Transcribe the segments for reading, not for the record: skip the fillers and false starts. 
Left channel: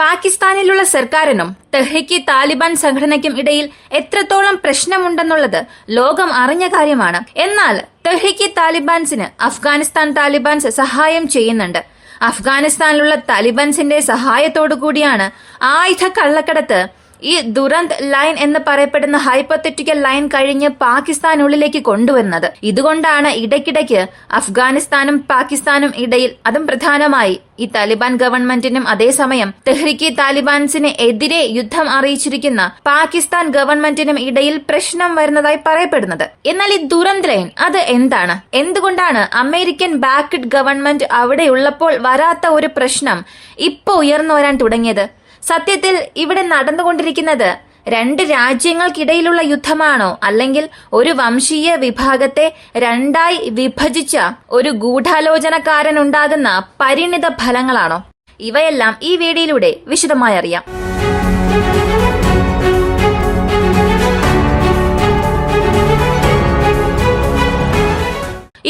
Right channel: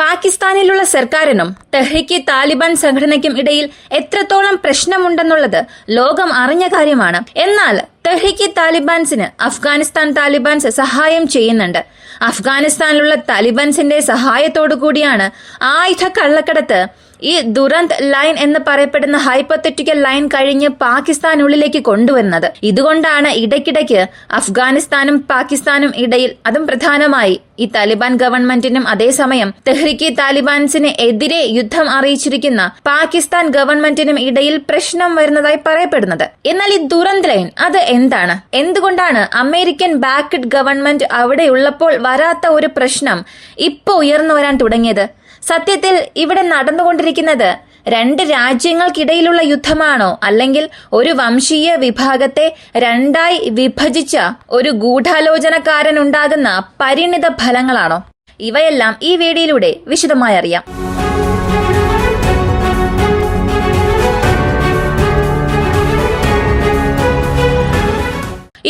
പാകിസ്ഥാനിലുള്ള സർക്കാരിനും തെഹ്രീക്ക് താലിബാൻ സംഘടനയ്ക്കും ഇടയിൽ എത്രത്തോളം പ്രശ്നമുണ്ടെന്നുള്ളത് ലോകം അറിഞ്ഞ കാര്യമാണ്. എന്നാൽ തെഹ്രീക്ക് താലിബാൻസിന് അഫ്ഗാനിസ്ഥാൻ താലിബാൻസ് സഹായം ചെയ്യുന്നുണ്ട്. അഫ്ഗാനിസ്ഥാനിലുള്ള താലിബാൻസിന്റെ സഹായത്തോടു കൂടിയാണ് ആയുധ കള്ളക്കടത്ത് ഈ ദുരന്ത് ലൈൻ എന്ന് പറയപ്പെടുന്ന ഹൈപ്പത്തറ്റിക്കൽ ലൈൻ കഴിഞ്ഞ് പാകിസ്ഥാനുള്ളിലേക്ക് കൊണ്ടുവരുന്നത്. ഇതുകൊണ്ടാണ് ഇടയ്ക്കിടയ്ക്ക് അഫ്ഗാനിസ്ഥാനും പാകിസ്ഥാനും ഇടയിൽ, അതും പ്രധാനമായി ഈ താലിബാൻ ഗവൺമെന്റിനും അതേസമയം തെഹ്രീക്ക് താലിബാൻസിന് എതിരെ യുദ്ധം അറിയിച്ചിരിക്കുന്ന പാകിസ്ഥാൻ ഗവൺമെന്റിനും ഇടയിൽ പ്രശ്നം വരുന്നതായി പറയപ്പെടുന്നത്. എന്നാൽ ഈ ദുരന്ത് ലൈൻ അത് എന്താണ്? എന്തുകൊണ്ടാണ് അമേരിക്കൻ ബാക്ക്ഡ് ഗവൺമെന്റ് അവിടെയുള്ളപ്പോൾ വരാത്ത ഒരു പ്രശ്നം ഇപ്പൊ ഉയർന്നു വരാൻ തുടങ്ങിയത്? സത്യത്തിൽ ഇവിടെ നടന്നുകൊണ്ടിരിക്കുന്നത് രണ്ട് രാജ്യങ്ങൾക്കിടയിലുള്ള യുദ്ധമാണോ, അല്ലെങ്കിൽ ഒരു വംശീയ വിഭാഗത്തെ രണ്ടായി വിഭജിച്ച ഒരു ഗൂഢാലോചനക്കാരനുണ്ടാകുന്ന പരിണിത ഫലങ്ങളാണോ? ഇവയെല്ലാം ഈ വീഡിയോയിലൂടെ വിശദമായി അറിയാം.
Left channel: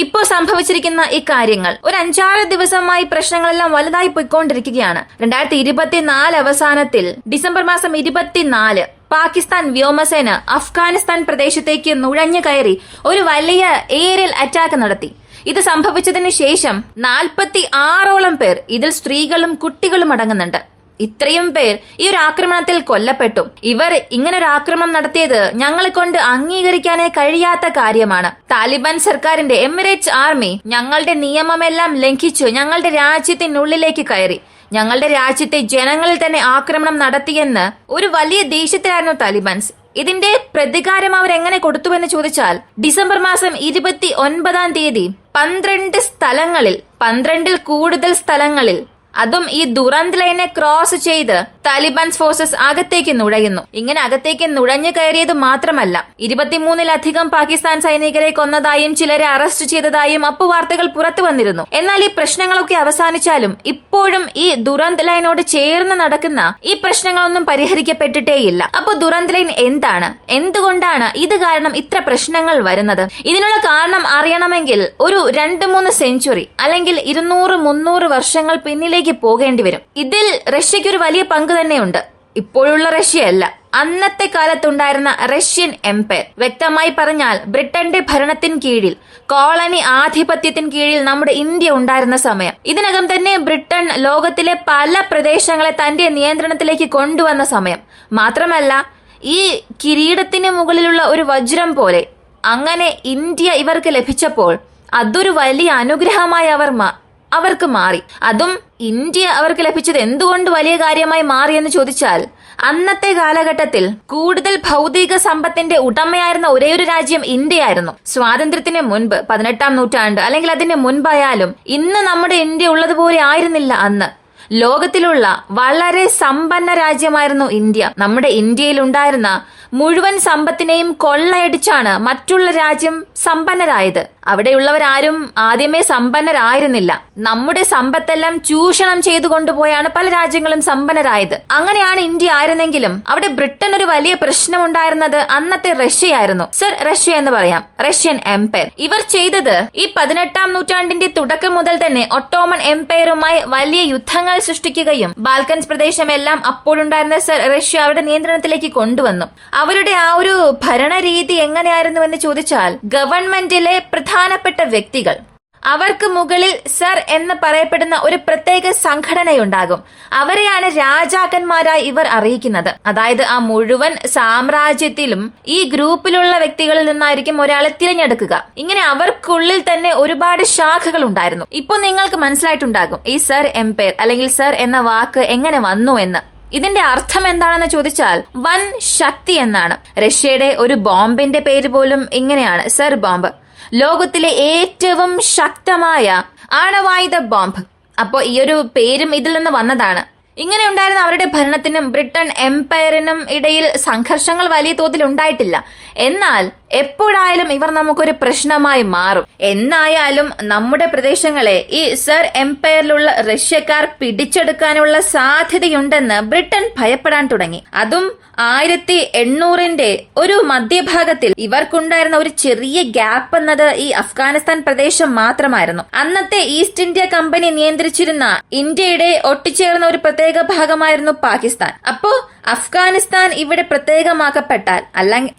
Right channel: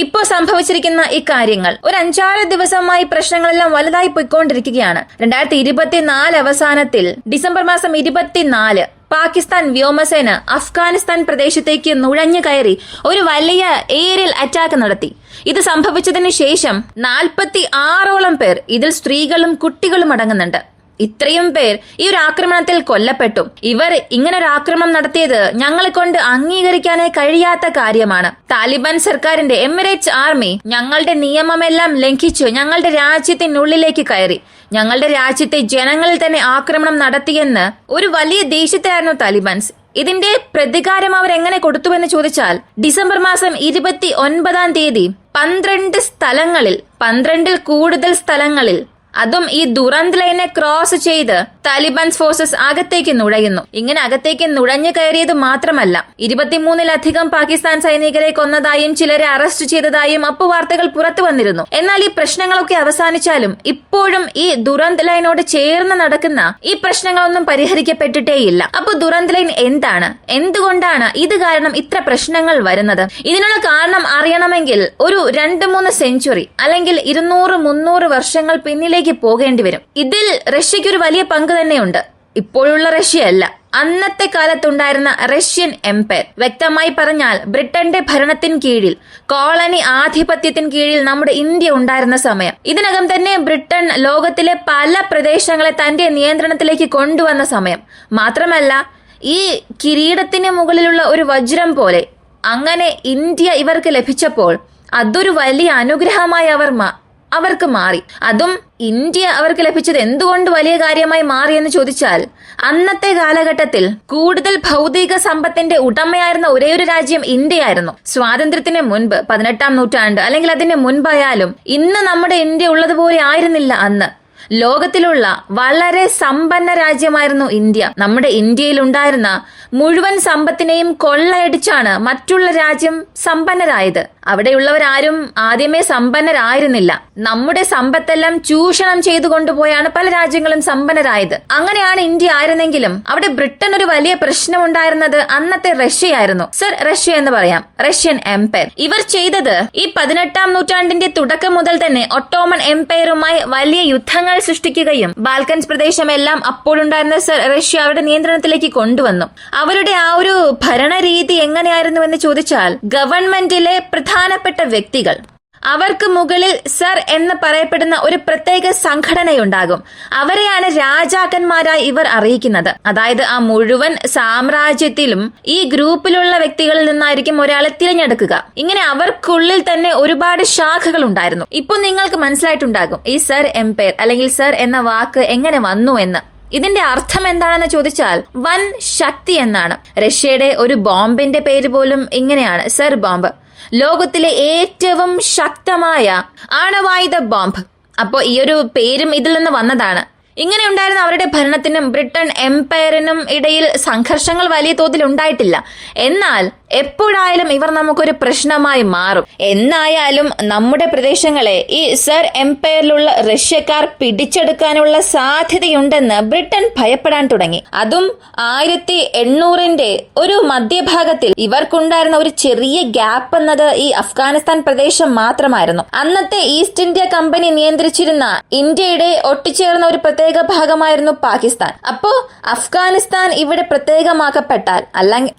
ഇപ്പോൾ സംഭവിച്ചിരിക്കുന്ന ഈ കാര്യങ്ങൾ ഒരു 5-6 ദിവസമായി പ്രശ്നങ്ങളെല്ലാം വലുതായി പോയിക്കൊണ്ടിരിക്കുകയാണ്. 2024 അവസാനത്തിൽ ഡിസംബർ മാസം 24 പാകിസ്ഥാൻ വ്യോമസേന അഫ്ഗാനിസ്ഥാൻ പ്രദേശത്തേക്ക് നുഴഞ്ഞു കയറി ഒരു വലിയ ഏരിയൽ അറ്റാക്ക് നടത്തി. ഇത് സംഭവിച്ചതിന് ശേഷം 46ഓളം പേർ, ഇതിൽ സ്ത്രീകളും കുട്ടികളും അടങ്ങുന്നുണ്ട്, ഇത്രയും പേർ ഈ ഒരു ആക്രമണത്തിൽ കൊല്ലപ്പെട്ടു. ഇവർ ഇങ്ങനൊരു ആക്രമണം നടത്തിയത് ഞങ്ങളെ കൊണ്ട് അംഗീകരിക്കാനേ കഴിയാത്ത കാര്യമാണ്. താലിബാൻ സർക്കാരിന്റെ എമിറേറ്റ്സ് ആർമി ഞങ്ങളുടെ നിയമമെല്ലാം ലംഘിച്ചു ഞങ്ങളുടെ രാജ്യത്തിനുള്ളിലേക്ക് കയറി, ഞങ്ങളുടെ രാജ്യത്തെ ജനങ്ങളിൽ തന്നെ ആക്രമണം നടത്തിയെന്ന് ഒരു വലിയ ദേഷ്യത്തിലായിരുന്നു താലിബാൻസ്. ഇതിന്റെ പ്രതികാരം അവരെങ്ങനെ കൊടുത്തുവെന്ന് ചോദിച്ചാൽ, ഡിസംബർ മാസം 29-ാം തീയതി 12 സ്ഥലങ്ങളിൽ, 12-ൽ കൂടുതൽ സ്ഥലങ്ങളിൽ, അതും ഈ ദുരന്ത് ലൈനെ ക്രോസ് ചെയ്ത് താലിബാൻ ഫോഴ്സസ് അകത്തേക്ക് നുഴയുന്നു. ഇങ്ങനെ അകത്തേക്ക് നുഴഞ്ഞു കയറിയത് മാത്രമല്ല, 23-ലധികം പാകിസ്ഥാൻ സൈനികരെ കൊന്നതായും ചിലരെ അറസ്റ്റ് ചെയ്തതായും അപ്പുവാർത്തകൾ പുറത്തു വന്നിരുന്നു. എന്നാൽ ഈ പ്രശ്നങ്ങളൊക്കെ അവസാനിച്ചാലും ഇപ്പോഴും ഈ ദുരന്ത് ലൈനോട് ചേർന്ന് നടക്കുന്ന ഈ പ്രശ്നങ്ങളൊന്നും പരിഹരിക്കപ്പെട്ടിട്ടേയില്ല. അപ്പോൾ ദുരന്ത് ലൈൻ എന്താണ്? എന്തുകൊണ്ടാണ് ഇത് കാരണം ഇത്ര പ്രശ്നങ്ങൾ വരുന്നത്? ഇതിനുള്ള കാരണം അറിയണമെങ്കിൽ ഒരു 2-3 സെഞ്ചുറി അല്ലെങ്കിൽ 200-300 വർഷങ്ങൾ പിന്നിലേക്ക് പോകേണ്ടി വരും. ഇതിൽ റഷ്യയ്ക്കൊരു വലിയ പങ്ക് തന്നെയുണ്ട്. ഇപ്പോഴുള്ള റഷ്യയല്ല, അന്നത്തെ കാലത്തുണ്ടായിരുന്ന റഷ്യൻ എംപയർ. വ്യക്തമായി പറഞ്ഞാൽ ബ്രിട്ടന്റെ ഭരണത്തിന് കീഴിൽ, കോളനി ആധിപത്യത്തിന് കീഴിൽ നമ്മുടെ ഇന്ത്യ ഉണ്ടായിരുന്ന സമയം. ഇതിനകം തന്നെ ബ്രിട്ടൻ ലോകത്തിലെ പല പ്രദേശങ്ങളെ തന്റെ നിയന്ത്രണത്തിലേക്ക് കൊണ്ടുവന്ന സമയം. മാത്രമല്ല, ഈ കിരീടത്തിന് മുകളിലുള്ള ഒരു വജ്രം പോലെ അങ്ങനെ ഇന്ത്യ ഇവർക്ക് ലഭിച്ചപ്പോൾ അതൊരു വലിയ അനുഗ്രഹമായി അവർക്ക് മാറി. അതും ഇന്ത്യ അവർക്ക് ലഭിച്ചത് എന്തുകൊണ്ട് വലിയ കാര്യമായി മാറിയെന്ന് ചോദിച്ചാൽ, അന്നത്തെ കാലഘട്ടത്തിൽ കൂടുതൽ ഭൗതിക സമ്പത്തിന്റെ ഉടമയായിരുന്ന ഒരേയൊരു രാജ്യം ഇന്ത്യയായിരുന്നു. സ്വാതന്ത്ര്യത്തിന് മുൻപ് 18-ാം നൂറ്റാണ്ട് അല്ലെങ്കിൽ അതിന് മുൻപായാലും ഇന്ന് നമ്മുടെ ഇന്ത്യ ഉള്ളതുപോലെ ആയിരുന്നില്ല അന്ന്. ലോകത്തിലുള്ള വളരെ സമ്പന്ന രാജ്യമായിരുന്നു ഇന്ത്യ. നമ്മുടെ ഇന്ത്യയിൽ ഉണ്ടായിരുന്ന മുഴുവൻ സമ്പത്തിനെയും കൊള്ളയടിച്ചാണ് മറ്റുള്ള രാജ്യം സമ്പന്നരായത്. അവിടെയുള്ളവരാരും ആദ്യമേ സമ്പന്നരായിരുന്നില്ല. നമ്മുടെ സമ്പത്തെല്ലാം ചൂഷണം ചെയ്തു കൊണ്ടുപോയാണ് പല രാജ്യങ്ങളും സമ്പന്നരായത്. അങ്ങനെയാണ് ഇന്ത്യ ആയിരുന്നെങ്കിലും അവിടെ ബ്രിട്ടൻ ഒരു വലിയ പ്രശ്നമുണ്ടായിരുന്നത് അന്നത്തെ റഷ്യയായിരുന്നു. സർ, റഷ്യ എന്ന് പറയാം, റഷ്യൻ എംപയർ. ഇവർ ചെയ്തത് ഈ 18-ാം നൂറ്റാണ്ടിന്റെ തുടക്കം മുതൽ തന്നെ ഒട്ടോമൻ എംപയറുമായി വലിയ യുദ്ധങ്ങൾ സൃഷ്ടിക്കുകയും ബാൽക്കൻസ് പ്രദേശമെല്ലാം അപ്പോഴുണ്ടായിരുന്ന സർ റഷ്യ അവരുടെ നിയന്ത്രണത്തിലേക്ക് കൊണ്ടുവന്നു. അവരുടെ ആ ഒരു ഭരണരീതി എങ്ങനെയായിരുന്നുവെന്ന് ചോദിച്ചാൽ, ഗവൺമെന്റിലെ പ്രധാനപ്പെട്ട വ്യക്തികൾ, അവർക്ക് മുകളിൽ സർ എന്ന് പറയപ്പെടുന്ന ഒരു പ്രത്യേക സംഘടനയുണ്ടാകും. അവരെയാണ് രാജാക്കന്മാരായി ഇവർ അറിയിക്കുന്നത്. അതായത് ആ മുഴുവൻ സാമ്രാജ്യത്തിലും ഈ ഗ്രൂപ്പിലുള്ള വ്യക്തികളിൽ നിന്നായിരിക്കും ഒരാളെ തിരഞ്ഞെടുക്കുക. ഇങ്ങനെ അവർക്കുള്ളിൽ തന്നെ ഒരുപാട് ശാഖകൾ ഉണ്ടായിരുന്നു. ഇപ്പൊ നിങ്ങൾക്ക് മനസ്സിലായിട്ടുണ്ടാകും ഈ സർ എംപയർ അല്ലെങ്കിൽ സർ എന്ന വാക്ക് എങ്ങനെ വന്നു എന്ന്. ഇതിന്റെ അർത്ഥം എന്താണെന്ന് ചോദിച്ചാൽ വൻ ശക്തി എന്നാണ്. റഷ്യയുടെ ഒരു ബോംബിന്റെ പേര് പോലും ഇങ്ങനെയാണ്, സർ ബോംബ്. ലോകത്തിലെ ഏറ്റവും ശക്തമായ ആണവായുധ ബോംബ്. അപ്പോൾ ഈ ഒരു പേരും ഇതിൽ നിന്ന് വന്നതാണ്. ഇങ്ങനെ ഉണ്ടായിരുന്ന അവരുടെ ഭരണത്തിനും ബ്രിട്ടൻ എംപയറിനും ഇടയിൽ സംഘർഷങ്ങൾ വലിയ തോതിൽ ഉണ്ടായിട്ടില്ല. എന്നാൽ എപ്പോഴായാലും ഇവർ നമുക്കൊരു പ്രശ്നമായി മാറും. എന്നായാലും നമ്മുടെ പ്രദേശങ്ങളെ ഈ സർ എംപയറിലുള്ള റഷ്യക്കാർ പിടിച്ചെടുക്കാനുള്ള സാധ്യതയുണ്ടെന്ന് ബ്രിട്ടൻ ഭയപ്പെടാൻ തുടങ്ങി. അതും 1800 ഒരു മധ്യഭാഗത്തിൽ ഇവർക്കുണ്ടായിരുന്ന ഒരു ചെറിയ ഗ്യാപ്പ് എന്നത് ഈ അഫ്ഗാനിസ്ഥാൻ പ്രദേശം മാത്രമായിരുന്നു. അന്നത്തെ ഈസ്റ്റ് ഇന്ത്യ കമ്പനി നിയന്ത്രിച്ചിരുന്ന ഇന്ത്യയുടെ ഒട്ടിച്ചേർന്ന ഒരു പ്രത്യേക ഭാഗമായിരുന്നു പാകിസ്ഥാൻ. അപ്പോ അഫ്ഗാനിസ്ഥാൻ ഇവിടെ പ്രത്യേകമാക്കപ്പെട്ടാൽ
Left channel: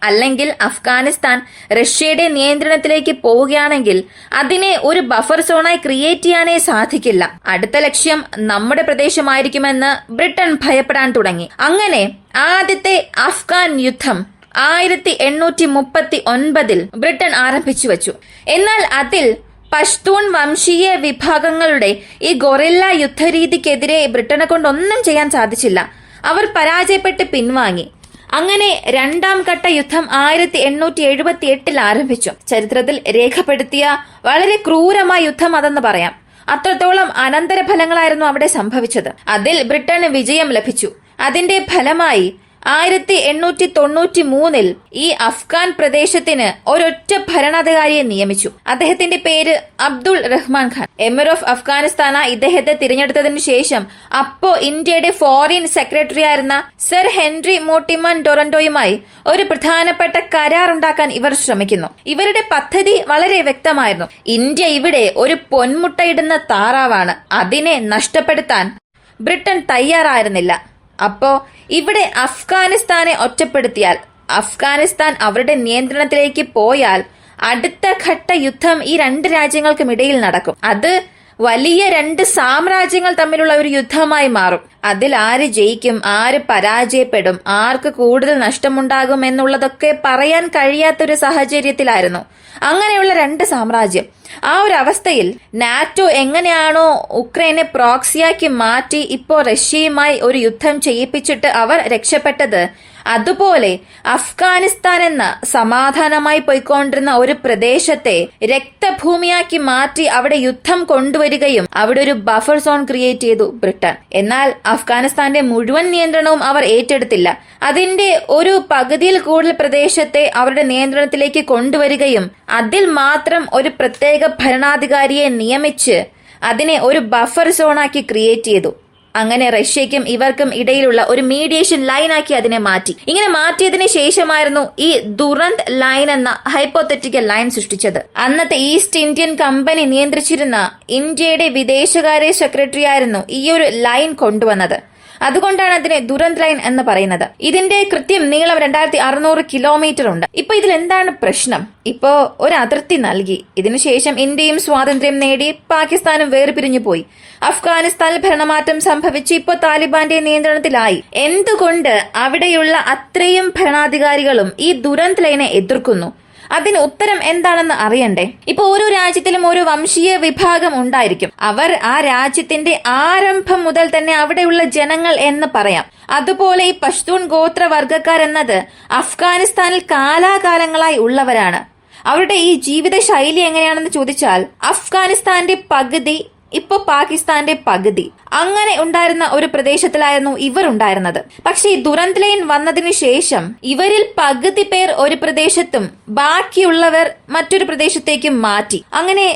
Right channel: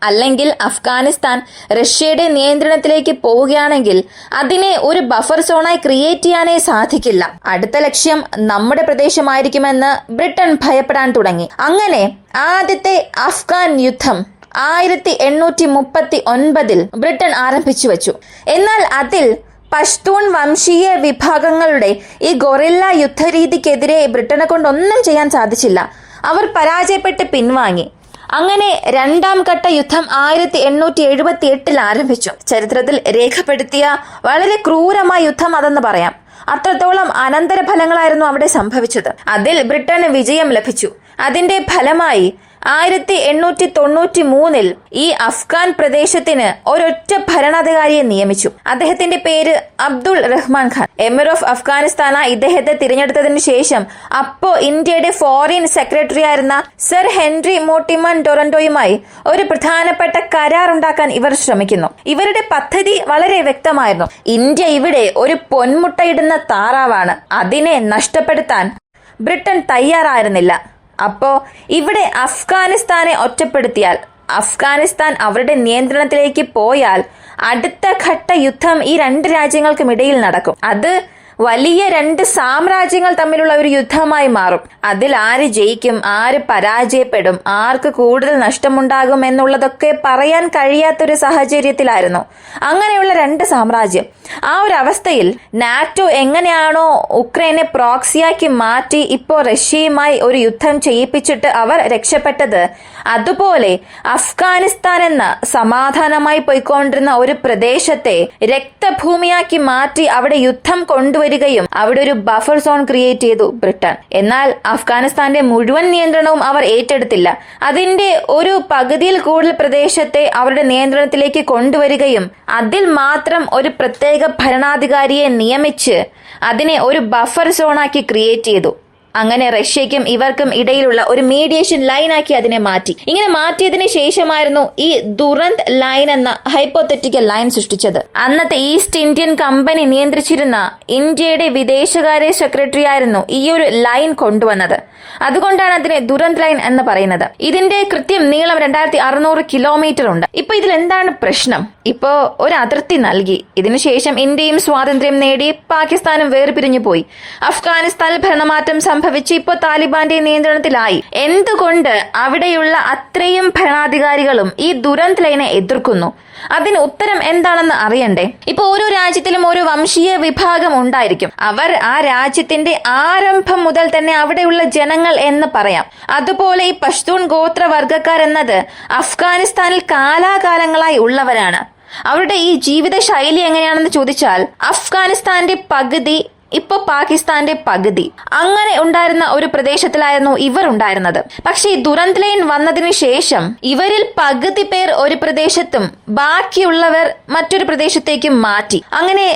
അല്ലെങ്കിൽ അഫ്ഗാനിസ്ഥാൻ റഷ്യയുടെ നിയന്ത്രണത്തിലേക്ക് പോവുകയാണെങ്കിൽ അതിനെ ഒരു ബഫർ സോണായി ക്രിയേറ്റ് ചെയ്യാനേ സാധിക്കില്ല. അടുത്ത ലക്ഷ്യം നമ്മുടെ പ്രദേശമായിരിക്കുമെന്ന് ബ്രിട്ടൻ ഭയപ്പെടാൻ തുടങ്ങി. അങ്ങനെ ആദ്യത്തെ അഫ്ഗാൻ യുദ്ധം 1839 ബ്രിട്ടൻ ആരംഭിച്ചു വച്ചു. എന്നാൽ അതിൽ പഷ്തൂൺ വംശീയ വിഭാഗങ്ങളുടെ ഈ ഗൊറില്ല യുദ്ധരീതിക്കെതിരെ ബ്രിട്ടനെ കൊണ്ടൊന്നും ചെയ്യാൻ സാധിച്ചില്ല. അവർ പരാജയപ്പെട്ട് പിൻവാങ്ങി. അങ്ങനെ രണ്ടാം ഘട്ട യുദ്ധം 1878 ആരംഭിച്ചു. ചരിത്രത്തിൽ രേഖപ്പെടുത്തിയ വളരെ ക്രൂരമായ യുദ്ധം അതെന്ന് പറയാം. അത്രത്തോളം അനന്തരഫലങ്ങളായിരുന്നു അവിടെ സംഭവിച്ചത്. അതിൽ ബ്രിട്ടന് വിജയം ലഭിച്ചു. അതിന്റെ ഫലമായി 1893 ഈ അഫ്ഗാൻ പ്രദേശത്തിന് ഒരൊറ്റ ഭരണാധികാരിയെ നിയമിച്ചു. അദ്ദേഹത്തിന്റെ പേര് അബ്ദുൾ റഹ്മാൻ ഖാൻ. എമിർ ഓഫ് അഫ്ഗാനിസ്ഥാന ഇദ്ദേഹത്തെ തിരഞ്ഞെടുത്തതിന് ശേഷം അപ്പോ ഇന്ത്യയുടെ ഫോറിൻ സെക്രട്ടറി ആയിരുന്ന സർ ഹെൻറി മോർട്ടിമൺ ടൊറന്റോയുമായി ഒരു പ്രധാനപ്പെട്ട കരാർ ഉണ്ടാക്കാൻ ഇവർ ശ്രമിക്കുന്നു. ഇവരുടെ പദ്ധതി വളരെ വ്യക്തമായിരുന്നു. ഇന്ത്യ ഇവിടെ ഒരു പൊന്മുട്ടയിടുന്ന താറാവാണ്. അതിനെ നഷ്ടപ്പെടുത്താൻ ബ്രിട്ടൻ തയ്യാറായിരുന്നില്ല. അപ്പോ ഇവിടെ അഫ്ഗാനിസ്ഥാനെ ഒറ്റപ്പെടുത്തിയാൽ, അഫ്ഗാനിസ്ഥാൻ അവരുടെ നിയന്ത്രണത്തിലേക്ക് പോയാൽ അടുത്ത ഘട്ട യുദ്ധം ഈ രണ്ട് രാജ്യങ്ങൾക്കും ഇടയിൽ നടക്കും. അത് വലിയ രണ്ട് സാമ്രാജ്യങ്ങൾ തമ്മിലുള്ള ഒരു യുദ്ധമായി മാറും. അതിൽ ആര് ജയിക്കും, ആര് പരാജയപ്പെടും, ആർക്ക് കൂടുതൽ നഷ്ടമുണ്ടാകും എന്നുള്ളതൊക്കെ പറയാൻ കഴിയാത്തൊരു സാഹചര്യത്തിലായിരുന്നു. അങ്ങനെയുള്ള രണ്ട് സാമ്രാജ്യം. ആ ഒരു അവസ്ഥയിൽ നാറ്റോ എങ്ങനെയാണോ ഉക്രൈനെ പ്രോക്സിയാക്കി മാറ്റി ഇപ്പോ റഷ്യയുമായി ഒരു യുദ്ധം ചെയ്യിപ്പിച്ചിട്ട് അവർ രക്ഷപ്പെട്ടത്, അതുപോലെ അഫ്ഗാനിസ്ഥാൻ എന്ന സമാധാനമായി പോയിക്കൊണ്ടിരുന്ന ഒരു പ്രദേശത്തെ രക്തഭൂമിയാക്കി മാറ്റി അവിടെ യുദ്ധം കൊണ്ടുവരികയും അവിടെ ഒരു ബഫർ സോൺ ക്രിയേറ്റ് ചെയ്തു ബ്രിട്ടൻ. എന്നാൽ അഫ്ഗാനിസ്ഥാന്റെ മുഴുവൻ നിയന്ത്രണവും അവർ ഏറ്റെടുത്തില്ല. അതിന്റെ ഒരു പകുതിയിൽ കൂടുതൽ പ്രദേശത്തെ അവരുടെ നിയന്ത്രണത്തിലേക്ക് കൊണ്ടുവരികയും അതിൽ മാത്രം ഒരു പ്രത്യേക ഭരണാധികാരിയെ നിയമിച്ച് അതിനെ ഒരു ബഫർ സോണാക്കി ക്രിയേറ്റ് ചെയ്തു. അങ്ങനെ റഷ്യയ്ക്കും ഇവർക്കും ഇടയിലുള്ള ഒരു മീഡിയേഷൻ ലൈനാക്കി അതിനെ മാറ്റി. ഇങ്ങനെ മാറ്റിയതിനു ശേഷമായിരുന്നു ഈ ദുരന്ത് ലൈൻ എന്ന ഹൈപ്പോത്തറ്റിക്കൽ ലൈൻ സൃഷ്ടിച്ചത്. അന്നത്തെ ഈസ്റ്റ് ഇന്ത്യൻ കമ്പനി നിയന്ത്രിച്ചിരുന്ന ഇന്ത്യയുടെ വിദേശകാര്യ സെക്രട്ടറി ആയിരുന്നു ഈ ഒരു ലൈൻ കൊണ്ടുവന്നത്. അതുകൊണ്ടാണ് അതിനെ ദുരന്ത് ലൈൻ എന്ന് പറയുന്നത്. ഇതിന്റെ കൃത്യം നീളം 2600 കിലോമീറ്റർ ഉണ്ട്. ഇപ്പൊ ഇതിൽ എന്താണ് പ്രശ്നം? ഇപ്പോ ഒരു അതിർത്തി നൽകി. ഇതിനുശേഷം ഇന്ത്യയും സ്വാതന്ത്ര്യം നേടി, പാകിസ്ഥാനും വേർപിരിഞ്ഞു പോയി. അഫ്ഗാനിസ്ഥാനിൽ ഭരണമാറ്റം സംഭവിച്ച് ഇപ്പോ താലിബാന്റെ നിയന്ത്രണത്തിലായി. എന്തുകൊണ്ട് അവിടെയുള്ള അത്രയും ഭരണാധികാരികളും ഈ ദുരന്ത് ലൈനെ എതിർക്കുന്നു? അതിന് ഉത്തരം എന്താണെന്ന് അറിയണ്ടേ? ഇപ്പൊ ഓരോ രാജ്യത്തിലും ഓരോ വംശീയ വിഭാഗം ഉണ്ടായിരിക്കും. അവർ ആ രാജ്യത്തിന്റെ ആരംഭം മുതൽ തന്നെ അവിടെയുള്ള ജനങ്ങൾ എന്ന് പറയാം. അതുപോലെ ഈ പഷ്തൂൺ ഗോത്രവർഗക്കാർ എന്നത് അഫ്ഗാനിസ്ഥാനിൽ കാലാകാലങ്ങളായി ഉള്ളവരാണ്. അവരുടെ ഈ ജീവിത ശൈലി എങ്ങനെയാണെന്ന് ചോദിച്ചാൽ അഫ്ഗാനിസ്ഥാന്റെ പകുതി, ഇപ്പൊ പാകിസ്ഥാന്റെ പകുതി, അങ്ങനെ ഉണ്ടായിരുന്ന ഒരു പ്രദേശത്തിലായിരുന്നു ഇവർ ഉണ്ടായിരുന്നത്. പക്ഷേ ഈ ദുരന്ത് ലൈൻ വന്നതിന് ശേഷം ഇവരിൽ പകുതി പേർ ഒരു പ്രദേശത്തും ബാക്കിയുള്ളവർ മറ്റൊരു പ്രദേശത്തേക്കും മാറ്റി. അങ്ങനെ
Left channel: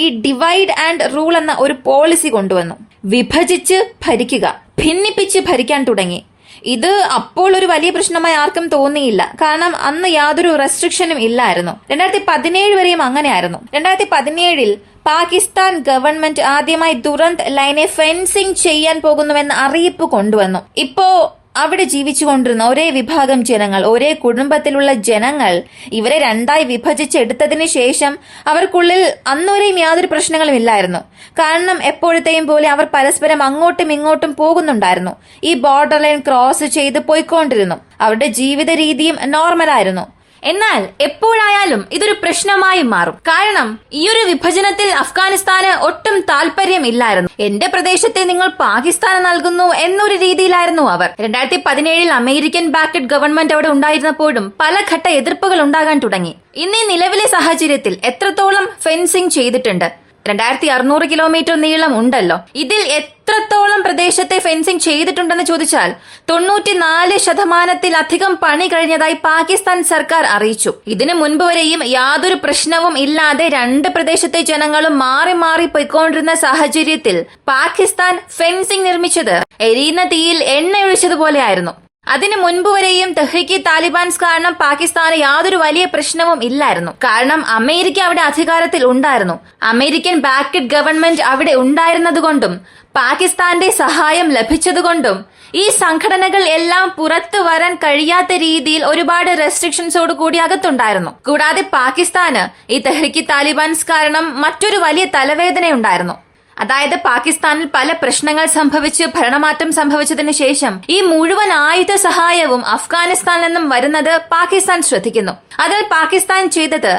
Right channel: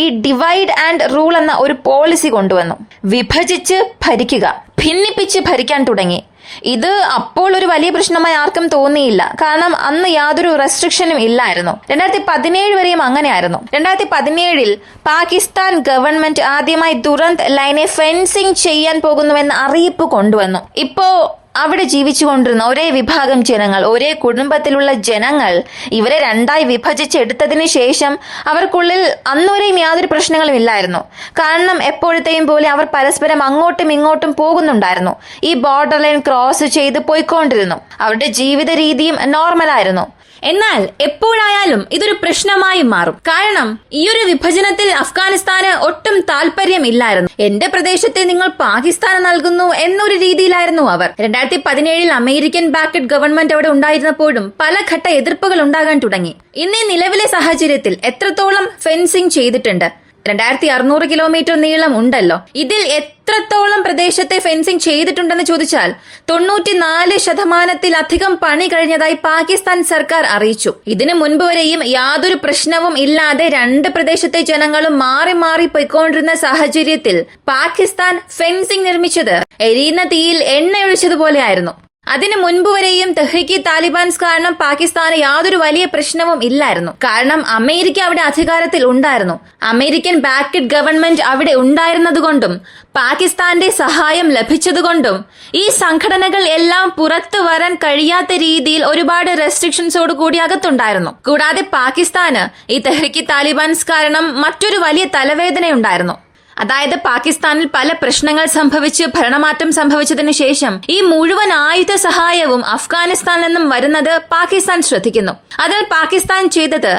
ഈ ഡിവൈഡ് ആൻഡ് റൂൾ എന്ന ഒരു പോളിസി കൊണ്ടുവന്നു. വിഭജിച്ച് ഭരിക്കുക, ഭിന്നിപ്പിച്ച് ഭരിക്കാൻ തുടങ്ങി. ഇത് അപ്പോൾ ഒരു വലിയ പ്രശ്നമായി ആർക്കും തോന്നിയില്ല. കാരണം അന്ന് യാതൊരു റെസ്ട്രിക്ഷനും ഇല്ലായിരുന്നു. 2017 വരെയും അങ്ങനെയായിരുന്നു. 2017 പാകിസ്ഥാൻ ഗവൺമെന്റ് ആദ്യമായി ദുരന്ത് ലൈനെ ഫെൻസിംഗ് ചെയ്യാൻ പോകുന്നുവെന്ന അറിയിപ്പ് കൊണ്ടുവന്നു. ഇപ്പോ അവിടെ ജീവിച്ചുകൊണ്ടിരുന്ന ഒരേ വിഭാഗം ജനങ്ങൾ, ഒരേ കുടുംബത്തിലുള്ള ജനങ്ങൾ ഇവരെ രണ്ടായി വിഭജിച്ചെടുത്തതിന് ശേഷം അവർക്കുള്ളിൽ അന്നുവരെയും യാതൊരു പ്രശ്നങ്ങളും ഇല്ലായിരുന്നു. കാരണം എപ്പോഴത്തെയും പോലെ അവർ പരസ്പരം അങ്ങോട്ടും ഇങ്ങോട്ടും പോകുന്നുണ്ടായിരുന്നു. ഈ ബോർഡർ ലൈൻ ക്രോസ് ചെയ്ത് പോയിക്കൊണ്ടിരുന്നു. അവരുടെ ജീവിത രീതിയും നോർമലായിരുന്നു. എന്നാൽ എപ്പോഴായാലും ഇതൊരു പ്രശ്നമായി മാറും. കാരണം ഈ ഒരു വിഭജനത്തിൽ അഫ്ഗാനിസ്ഥാന് ഒട്ടും താല്പര്യമില്ലായിരുന്നു. എന്റെ പ്രദേശത്തെ നിങ്ങൾ പാകിസ്ഥാന് നൽകുന്നു എന്നൊരു രീതിയിലായിരുന്നു അവർ. 2017 അമേരിക്കൻ ബാക്കഡ് ഗവൺമെന്റ് അവിടെ ഉണ്ടായിരുന്നപ്പോഴും പല ഘട്ട എതിർപ്പുകൾ ഉണ്ടാകാൻ തുടങ്ങി. ഇന്ന് നിലവിലെ സാഹചര്യത്തിൽ എത്രത്തോളം ഫെൻസിംഗ് ചെയ്തിട്ടുണ്ട്? 2600 കിലോമീറ്റർ നീളം ഉണ്ടല്ലോ. ഇതിൽ എത്രത്തോളം പ്രദേശത്തെ ഫെൻസിംഗ് ചെയ്തിട്ടുണ്ടെന്ന് ചോദിച്ചാൽ 94% പണി കഴിഞ്ഞതായി പാകിസ്ഥാൻ സർക്കാർ അറിയിച്ചു. ഇതിനു മുൻപ് വരെയും യാതൊരു പ്രശ്നവും ഇല്ലാതെ രണ്ട് പ്രദേശത്തെ ജനങ്ങളും മാറി മാറി പോയിക്കൊണ്ടിരുന്ന സാഹചര്യത്തിൽ പാകിസ്ഥാൻ ഫെൻസിംഗ് നിർമ്മിച്ചത് എരിയുന്ന തീയിൽ എണ്ണയൊഴിച്ചതുപോലെയായിരുന്നു. അതിനു മുൻപ് വരെയും തെഹ്രീക്ക് താലിബാൻസ് കാരണം പാകിസ്ഥാന് യാതൊരു വലിയ പ്രശ്നവും ഇല്ലായിരുന്നു. കാരണം അമേരിക്ക അവിടെ അധികാരത്തിൽ ഉണ്ടായിരുന്നു. അമേരിക്കൻ ബാക്ക്ഡ് ഗവൺമെന്റ് അവിടെ ഉണ്ടായിരുന്നതുകൊണ്ടും പാകിസ്ഥാന്റെ സഹായം ലഭിച്ചതുകൊണ്ടും ഈ സംഘടനകൾ എല്ലാം പുറത്തു വരാൻ കഴിയാത്ത രീതിയിൽ ഒരുപാട് റെസ്ട്രിക്ഷൻസോട് കൂടി അകത്തുണ്ടായിരുന്നു. കൂടാതെ പാകിസ്ഥാന് ഈ തെഹ്രീക്ക് താലിബാൻസ് കാരണം മറ്റൊരു വലിയ തലവേദനയുണ്ടായിരുന്നു. അതായത് പാകിസ്ഥാനിൽ പല പ്രശ്നങ്ങൾ സംഭവിച്ച് ഭരണമാറ്റം സംഭവിച്ചതിനു ശേഷം ഈ മുഴുവൻ ആയുധ സഹായവും അഫ്ഗാനിസ്ഥാനിൽ നിന്നും വരുന്നത് പാകിസ്ഥാൻ ശ്രദ്ധിക്കുന്നു. അതിൽ പാകിസ്ഥാൻ ചെയ്തത്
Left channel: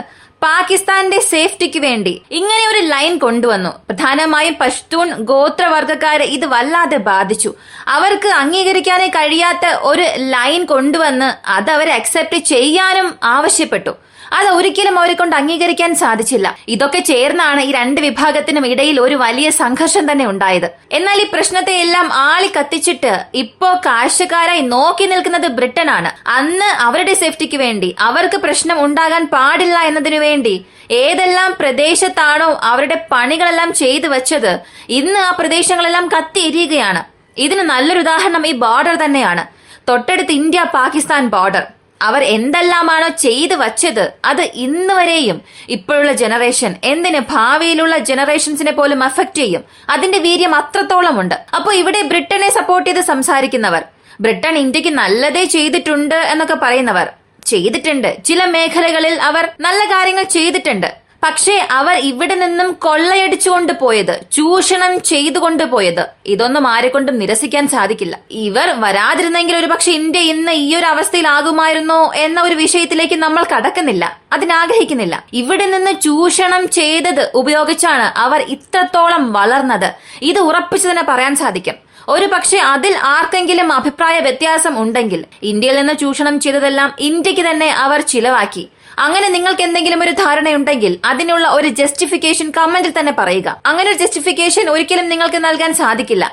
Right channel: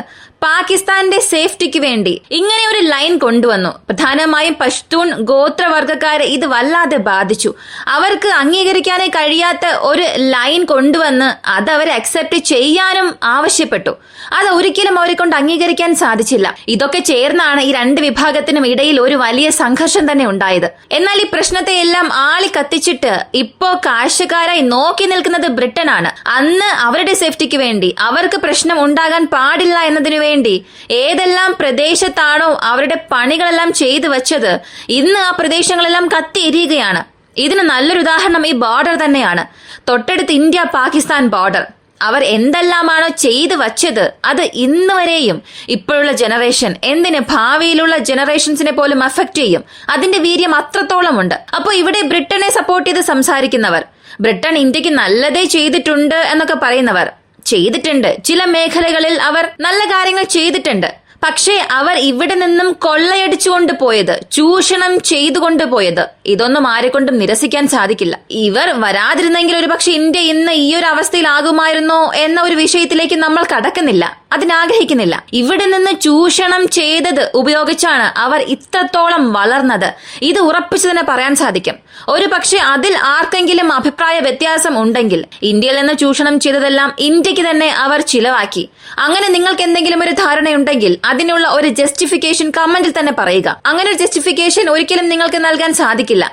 പാകിസ്ഥാന്റെ സേഫ്റ്റിക്ക് വേണ്ടി ഇങ്ങനെ ഒരു ലൈൻ കൊണ്ടുവന്നു. പ്രധാനമായും പഷ്തൂൺ ഗോത്രവർഗക്കാരെ ഇത് വല്ലാതെ ബാധിച്ചു. അവർക്ക് അംഗീകരിക്കാനേ കഴിയാത്ത ഒരു ലൈൻ കൊണ്ടുവന്ന് അത് അവരെ അക്സെപ്റ്റ് ചെയ്യാനും ആവശ്യപ്പെട്ടു. അത് ഒരിക്കലും അവരെ കൊണ്ട് അംഗീകരിക്കാൻ സാധിച്ചില്ല. ഇതൊക്കെ ചേർന്നാണ് ഈ രണ്ട് വിഭാഗത്തിനും ഇടയിൽ ഒരു വലിയ സംഘർഷം തന്നെ ഉണ്ടായത്. എന്നാൽ ഈ പ്രശ്നത്തെ എല്ലാം ആളി കത്തിച്ചിട്ട് ഇപ്പോ കാഴ്ചക്കാരായി നോക്കി നിൽക്കുന്നത് ബ്രിട്ടനാണ്. അന്ന് അവരുടെ സേഫ്റ്റിക്ക് വേണ്ടി, അവർക്ക് പ്രശ്നം ഉണ്ടാകാൻ പാടില്ല എന്നതിനു വേണ്ടി ഏതെല്ലാം പ്രദേശത്താണോ അവരുടെ പണികളെല്ലാം ചെയ്തു വച്ചത്, ഇന്ന് ആ പ്രദേശങ്ങളെല്ലാം കത്തിയെരിയുകയാണ്. ഇതിന് നല്ലൊരു ഉദാഹരണം ഈ ബോർഡർ തന്നെയാണ്. തൊട്ടടുത്ത് ഇന്ത്യ പാകിസ്ഥാൻ ബോർഡർ. അവർ എന്തെല്ലാമാണോ ചെയ്തു വച്ചത് അത് ഇന്ന് വരെയും ഇപ്പോഴുള്ള ജനറേഷൻ, എന്തിന് ഭാവിയിലുള്ള ജനറേഷൻസിനെ പോലും അഫക്ട് ചെയ്യും. അതിന്റെ വീര്യം അത്രത്തോളം ഉണ്ട്. അപ്പോൾ ഇവിടെ ബ്രിട്ടനെ സപ്പോർട്ട് ചെയ്ത് സംസാരിക്കുന്നവർ, ബ്രിട്ടൻ ഇന്ത്യക്ക് നല്ലതേ ചെയ്തിട്ടുണ്ട് എന്നൊക്കെ പറയുന്നവർ, ചെയ്തിട്ടുണ്ട്, ചില മേഖലകളിൽ അവർ നല്ല കാര്യങ്ങൾ ചെയ്തിട്ടുണ്ട്. പക്ഷേ അവർ ഇവിടെ നിന്നും കൊള്ളയടിച്ചുകൊണ്ട് പോയത്, ചൂഷണം ചെയ്തുകൊണ്ട് പോയത്, ഇതൊന്നും ആരെക്കൊണ്ടും നിരസിക്കാൻ സാധിക്കില്ല. ഇവർ വരാതിരുന്നെങ്കിൽ ഒരുപക്ഷെ ഇന്ത്യ ഇന്ന് ഈ ഒരു അവസ്ഥയിലാകുമായിരുന്നോ എന്ന ഒരു വിഷയത്തിലേക്ക് നമ്മൾ കടക്കുന്നില്ല, അതിനാഗ്രഹിക്കുന്നില്ല. ഇവിടെ നിന്ന് ചൂഷണം ചെയ്തത് ഉപയോഗിച്ചാണ് അവർ ഇത്രത്തോളം വളർന്നത്. ഇത് ഉറപ്പിച്ചു തന്നെ പറയാൻ സാധിക്കും. ഒരു പക്ഷെ അതിൽ ആർക്കെങ്കിലും അഭിപ്രായ വ്യത്യാസം ഉണ്ടെങ്കിൽ, ഇന്ത്യയിൽ നിന്ന് ചൂഷണം ചെയ്തതെല്ലാം ഇന്ത്യക്ക് തന്നെ അവർ ചിലവാക്കി, അങ്ങനെ നിങ്ങൾക്ക് എന്തെങ്കിലും ഒരു ധാരണയുണ്ടെങ്കിൽ അതിനുള്ള ഒരു ജസ്റ്റിഫിക്കേഷൻ കമന്റിൽ തന്നെ പറയുക. അങ്ങനെ ഒരു ജസ്റ്റിഫിക്കേഷൻ ഒരിക്കലും നിങ്ങൾക്ക് നൽകാൻ സാധിക്കില്ല.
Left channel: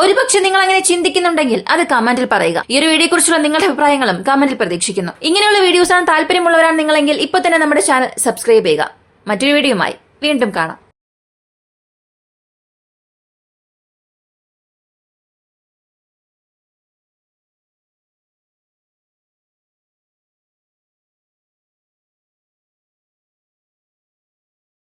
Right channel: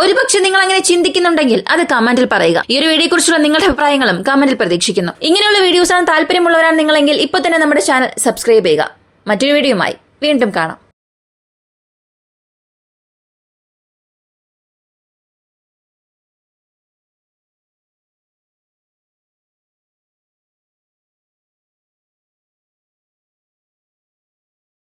ഒരുപക്ഷെ നിങ്ങൾ അങ്ങനെ ചിന്തിക്കുന്നുണ്ടെങ്കിൽ അത് കമന്റിൽ പറയുക. ഈ ഒരു വീഡിയോ കുറിച്ചുള്ള നിങ്ങളുടെ അഭിപ്രായങ്ങളും കമന്റിൽ പ്രതീക്ഷിക്കുന്നു. ഇങ്ങനെയുള്ള വീഡിയോസാണ് താല്പര്യമുള്ളവരാണ് നിങ്ങളെങ്കിൽ ഇപ്പൊ തന്നെ നമ്മുടെ ചാനൽ സബ്സ്ക്രൈബ് ചെയ്യുക. മറ്റൊരു വീഡിയോയുമായി വീണ്ടും കാണാം.